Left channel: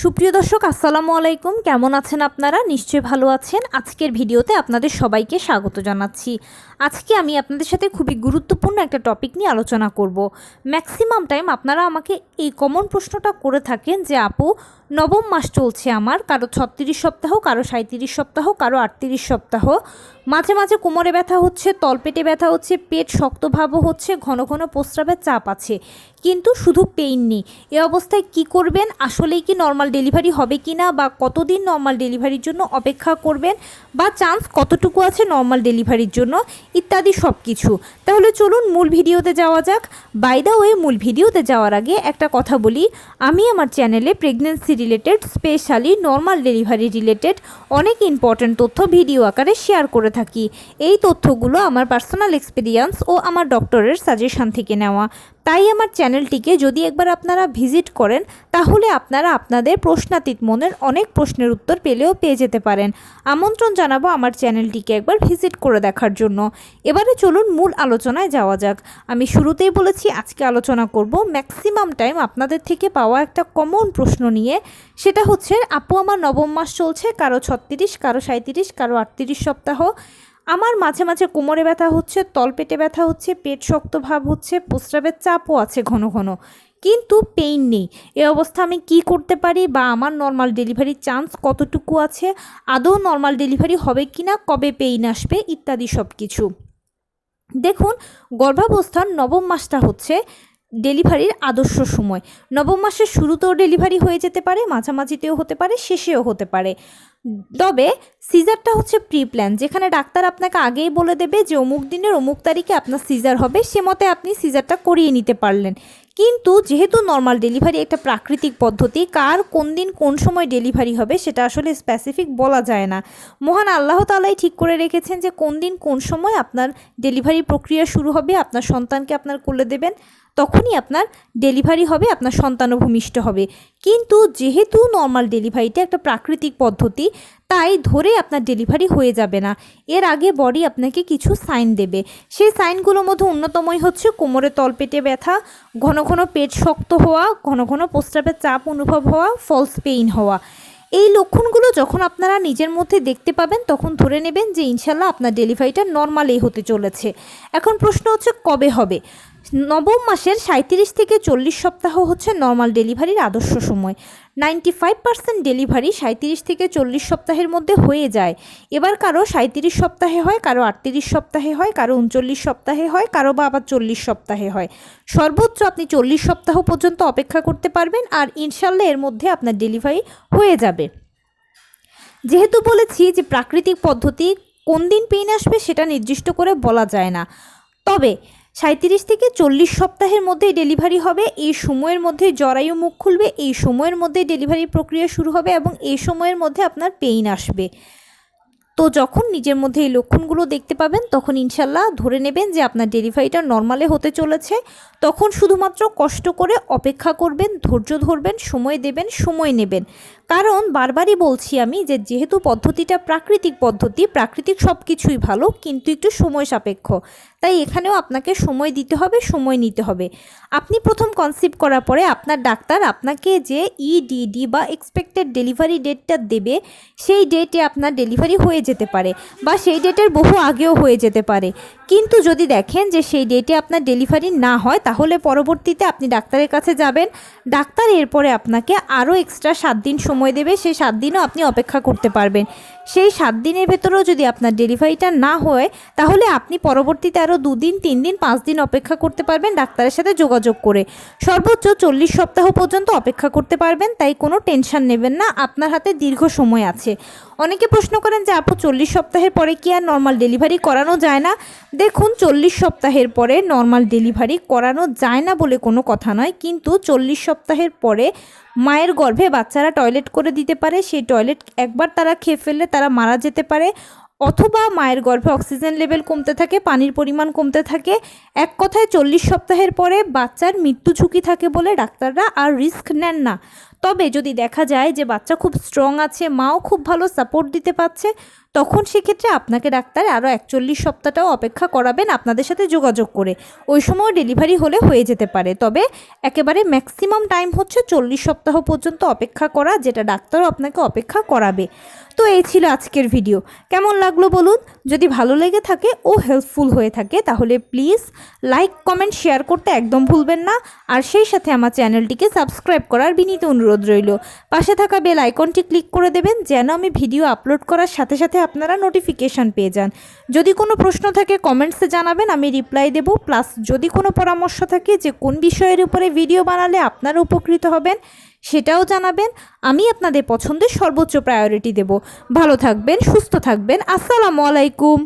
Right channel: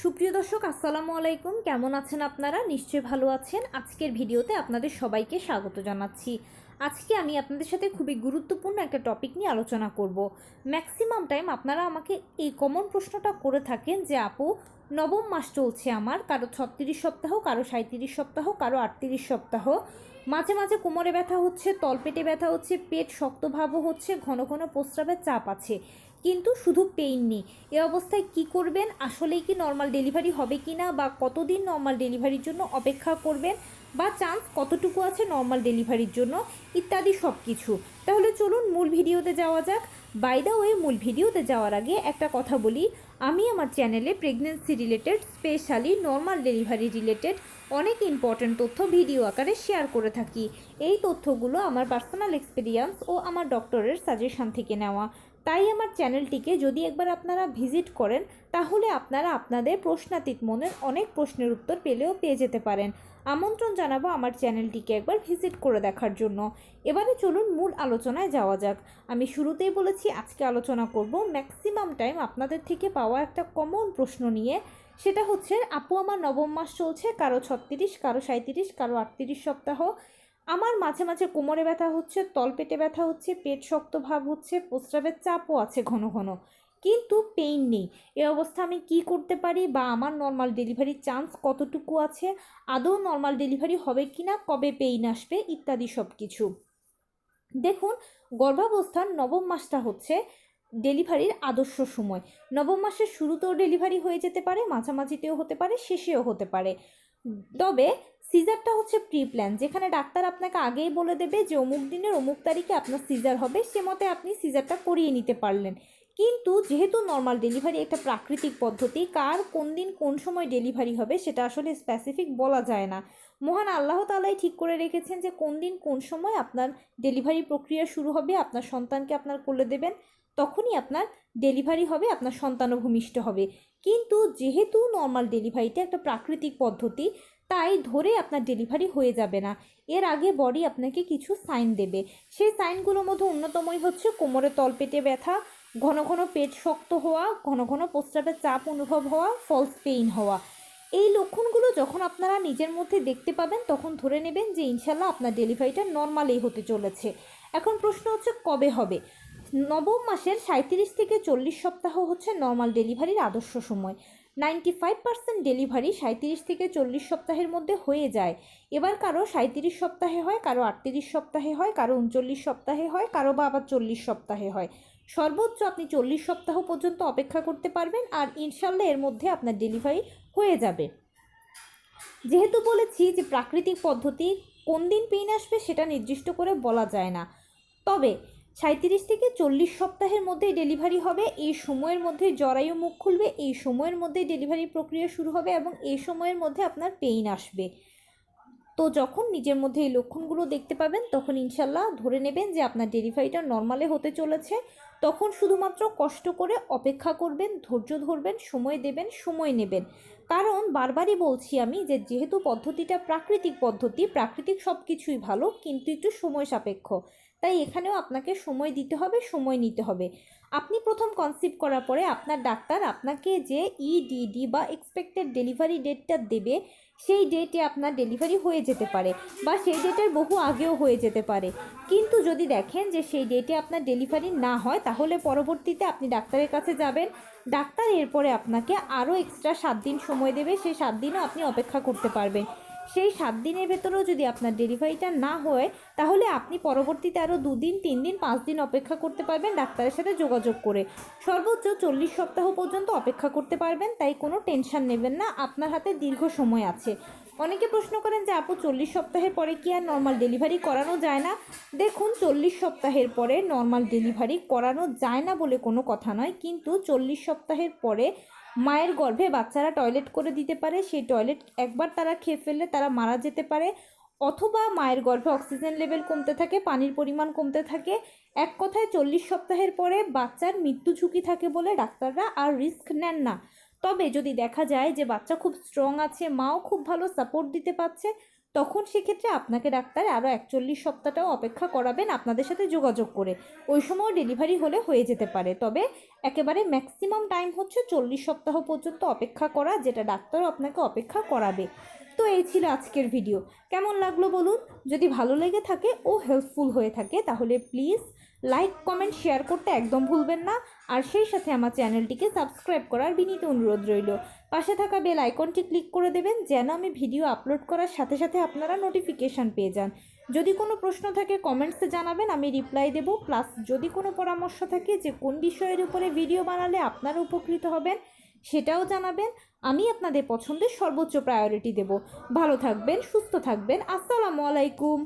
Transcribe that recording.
সুপ্রিয় দর্শক আসসালামু আলাইকুম, কেমন আছেন আপনারা? নিশ্চয়ই ভালো আছেন। আজকের ভিডিওতে আপনাদের সবাইকে স্বাগত জানাচ্ছি। আজকে আমি আপনাদের সাথে খুবই গুরুত্বপূর্ণ একটা টপিক নিয়ে আলোচনা করব। ম্যাক্সিমাম টাইম আপনারা আমাকে এই কমন প্রশ্নটা করে থাকেন যে আপু, নবম মাস চলছে আমার, কারো 36 সপ্তাহ, কারো 37 সপ্তাহ, কারো 38 সপ্তাহ। মাঝে মাঝে কোমরে ব্যথা হচ্ছে, তলপেটে ব্যথা হচ্ছে, পেট শক্তভাবও হচ্ছে, ঘন ঘন প্রস্রাবের চাপ আছে, কিন্তু শুধু পেইন নেই। এ অবস্থায় কি করবেন? আসলেই কি নর্মাল ডেলিভারি হবে কি না, বা কতদিন নর্মাল ডেলিভারির জন্য অপেক্ষা করবেন, বা চান্স কতটুকু আছে নর্মাল ডেলিভারির জন্য, ইত্যাদি সব কিছু। তাহলে চলুন মূল ভিডিওতে যাওয়া যাক। বাই দ্য ওয়ে, মূল ভিডিওতে যাওয়ার আগে একটা কথা বলি, আমি আমার চ্যানেলে pregnancy related, specially normal delivery related অনেক ইম্পর্ট্যান্ট তথ্য ভিডিও আকারে শেয়ার করে থাকি। এই তথ্যগুলো আমার পার্সোনাল এক্সপিরিয়েন্স ও আমার ডক্টরের সাজেশন থেকে নেওয়া। তাই আমার চ্যানেলটিকে যদি একবার আপনারা ভিজিট করেন, তাহলে আপনারা আপনাদের প্রশ্নাতীত মনের অনেক প্রশ্নের উত্তর পেয়ে যেতে পারেন। আমন্ত্রণ জানাবো আমার চ্যানেলটিকে একবার ভিজিট করে দেখার জন্য। এবারে চলুন মূল আলোচনায় যাওয়া যাক। আমি শুরুতেই বলেছি আজকে আলোচনা করব ম্যাক্সিমাম টাইম আপনাদের থেকে পাওয়া একটা কমন প্রশ্ন নিয়ে। সেটা হচ্ছে, আপু আমার নবম মাস চলছে, কারো 36, কারো 37, কারো 38 সপ্তাহ। আমার মাঝে মাঝে কোমরে ব্যথা হচ্ছে, তলপেটে ব্যথা হচ্ছে, পেট শক্ত ভাব হচ্ছে, প্রস্রাবের চাপও আছে ঘন ঘন, কিন্তু পেইন নেই। এ অবস্থা আমি কি করতে পারি, বা আমার নর্মাল ডেলিভারির চান্স কতটুকু আছে, আদৌ নর্মাল ডেলিভারি হবে কি না, কবে পেইন আসবে, ইত্যাদি সব কিছু। দেখুন, গর্ভাবস্থার নবম মাসটা হচ্ছে ডেলিভারির আদর্শ সময়। নবম মাসের শুরুতেও ডেলিভারি হয়ে যেতে পারে, মাঝামাঝিতেও হতে পারে, শেষেও হতে পারে। তবে সিজারটা হচ্ছে প্রি প্ল্যান, যেখানে ডাক্তার আপনাকে আগেই বলে দেবে যে অমুক দিনের অমুক তারিখে আপনার সিজার হবে, সে মতে আপনি সিজারটা করিয়ে নিতে পারলেন। কিন্তু যেহেতু নর্মাল ডেলিভারি একটা প্রাকৃতিক পদ্ধতি, কার কোন দিন কোন সময় ডেলিভারি হবে সেটা আসলে স্পেসিফিক বলা যায় না। মহান আল্লাহ তাআলাই ঠিক করে রেখেছেন যে কোন দিন কোন সময় আপনার ডেলিভারি প্রক্রিয়া শুরু হবে, আপনার সন্তানকে আপনার কোলে দেবেন, তখনই আপনার ডেলিভারি হবে, আপনার সন্তানও ভূমিষ্ঠ হবে। কিন্তু যেহেতু নর্মাল ডেলিভারিটা একটা প্রাকৃতিক পদ্ধতি, তাই ধরে আপনার ডেলিভারি হয়ে যাবে না। এর আগে বডি আপনাকে কিছু সাইন দেবে। সেই সাইনগুলোর মধ্যে অন্যতমই হচ্ছে কোমরে তলপেটে ব্যথা, ঘন ঘন পেট শক্ত হওয়া, ঘন ঘন প্রস্রাবের চাপ অনুভব হওয়া, ফলস পেইন হওয়া। এই লক্ষণগুলো যখন আপনারা নিজের মধ্যে দেখতে পাবেন, তখন ধরে নেবেন যে ইনশাল্লাহ আপনার ডেলিভারিটা নর্মালেই হতে চলেছে। এখন প্রশ্ন হচ্ছে কবে হবে। নবম মাসের 37 থেকে 40 সপ্তাহ হচ্ছে নর্মাল ডেলিভারির আদর্শ সময়। 95% ডেলিভারি 37 থেকে 40 সপ্তাহের মধ্যে হয়ে যায়। এবার কারো 37 সপ্তাহে হয়, কারো 38 সপ্তাহে হয়, কারো 39 সপ্তাহে হয়, কারো বা আবার 40 সপ্তাহে হয়। সর্বোচ্চ আপনি 40 সপ্তাহ পর্যন্ত অপেক্ষা করতে পারবেন, আর ইনশাল্লাহ এর মধ্যে আপনার ডেলিভারি হয়ে যাবে। যেহেতু বলেছি যে প্রাকৃতিক পদ্ধতি, কোন দিন পেইন আসবে সেটা নির্দিষ্ট করে বলা যায় না। তবে 37 থেকে 40 সপ্তাহের মধ্যেই ডেলিভারি হবে। এই সময়ের মধ্যে জরায়ু মুখ খুলবে, এই সময়ের মধ্যে ডেলিভারি প্রক্রিয়া শুরু হবে, এবং এই সময়ের মধ্যে আপনার পেইন আসবে। তো যখন নিজের মধ্যে এই লক্ষণগুলো দেখতে পাবেন, তখন ইনশাল্লাহ ধরে নেবেন যে আপনার ডেলিভারিটা নর্মালে হতে চলেছে। তখন শুধুমাত্র কষ্ট করে অপেক্ষা করবেন, ধৈর্য ধরবেন, সময় দেবেন, সময় নেবেন। কারণ বারবারই বলছি আমি যে যেহেতু পদ্ধতিটা প্রাকৃতিক পদ্ধতি, প্রাকৃতিক সব কিছুই ভালো, কিন্তু একটু সময় সাপেক্ষ। তাই এখানেও আপনাকে সময় দিতে হবে, সময় নিতে হবে। আপনি প্রথম কনসিভ করার পরে আপনার ডাক্তার আপনাকে যে ইডিডি বা এক্সপেক্টেড ডেলিভারি ডেটটা দেবে, সেই ডেটে আপনার ডেলিভারি হয়ে যেতে পারে, বা সেই ডেটের বহু আগেও হয়ে যেতে পারে। কিন্তু যদি দেখেন যে সেই ডেটে আপনার ডেলিভারি না হয়, তাহলে পরবর্তীতে আপনি ডাক্তারের কাছে যাবেন। ডাক্তার এরপরে আপনাকে আরও এক্সট্রা 7 দিন সময় দেবে, সেই 7 দিনও আপনি অপেক্ষা করতে পারবেন। সেই 7 দিনের ভেতরেও যদি আপনার ডেলিভারিটা না হয়, তাহলে আপনি পরবর্তীতে আরও 2 দিন, 3 দিন, 5 দিন অপেক্ষা করতে পারবেন ডাক্তারের সাথে যোগাযোগ করে। সর্বোচ্চ 40 সপ্তাহ পর্যন্ত অপেক্ষা করতে পারবেন, তাই কোনো টেনশন নেবেন না, আপনার হাতে দীর্ঘ সময় আছে। অনেকে প্রশ্ন করেন যে আপু 40 সপ্তাহের পরে কি আর নর্মাল ডেলিভারি করানো যায় না? দেখুন, 40 সপ্তাহের পরে নর্মাল ডেলিভারি করানো যায় না বলে কোনো কথা নয়, কিন্তু 40 সপ্তাহের পরে মায়ের গর্ভে বাচ্চারা টয়লেট করে দিতে পারে। সেই টয়লেট একবার তারা খেয়ে ফেললে তারা মারা যেতে পারে, অথবা মায়ের গর্ভে অক্সিজেন লেভেল কমতে থাকে, পানির পরিমাণ কমতে থাকে। এক কথায় 40 সপ্তাহের পরে বাচ্চার মৃত্যু ঝুঁকি থাকে বলে ডাক্তাররা আর রিস্ক নেন না। তবে যদি দেখা যায় যে বাচ্চা খুব স্ট্রং আছে, মাও খুব ভালো সাপোর্ট দিতে পারছে, তখন সেক্ষেত্রে আপনাকে ডাক্তার আরও 41 সপ্তাহটাও অপেক্ষা করাবেন আপনাদের সাথে যোগাযোগ করে। ওই সময় ডেলিভারি হলে হয়ে যেতে পারে, তবে একেবারে ম্যাক্সিমাম টাইম হচ্ছে 40 সপ্তাহ পর্যন্ত অপেক্ষা করা, যেটা ডাক্তারও আপনাকে অপেক্ষা করাবে। তো এই ছিল আজকের ভিডিও। কেমন লাগলো বলুন? যদি ভালো লেগে থাকে ও হেল্পফুল হয়ে থাকে তাহলে প্লিজ লাইক কমেন্ট শেয়ার করতে একদম ভুলবেন না। আর সেই সাথে আমার চ্যানেলটিকে সাবস্ক্রাইব করার বিনীত অনুরোধ রইল। পাশে থাকা বেল আইকনটি ক্লিক করে দেবেন যেন আমি ভিডিও আপলোড করার সাথে সাথে আপনারা নোটিফিকেশান পেয়ে যান। যদি কোনো প্রশ্ন থাকে কমেন্টসে জানাবেন, আমি রিপ্লাই দেব। প্লাস যদি কোনো পরামর্শ থাকে যে কোন বিষয়ের উপরে ভিডিও বানালে আপনারা উপকৃত হবেন সেটাও জানাবেন। আমি আপনাদের পছন্দের সর্বোচ্চ প্রায়োরিটি দেব। ভালো থাকবেন, সুস্থ থাকবেন। আসসালামু আলাইকুম।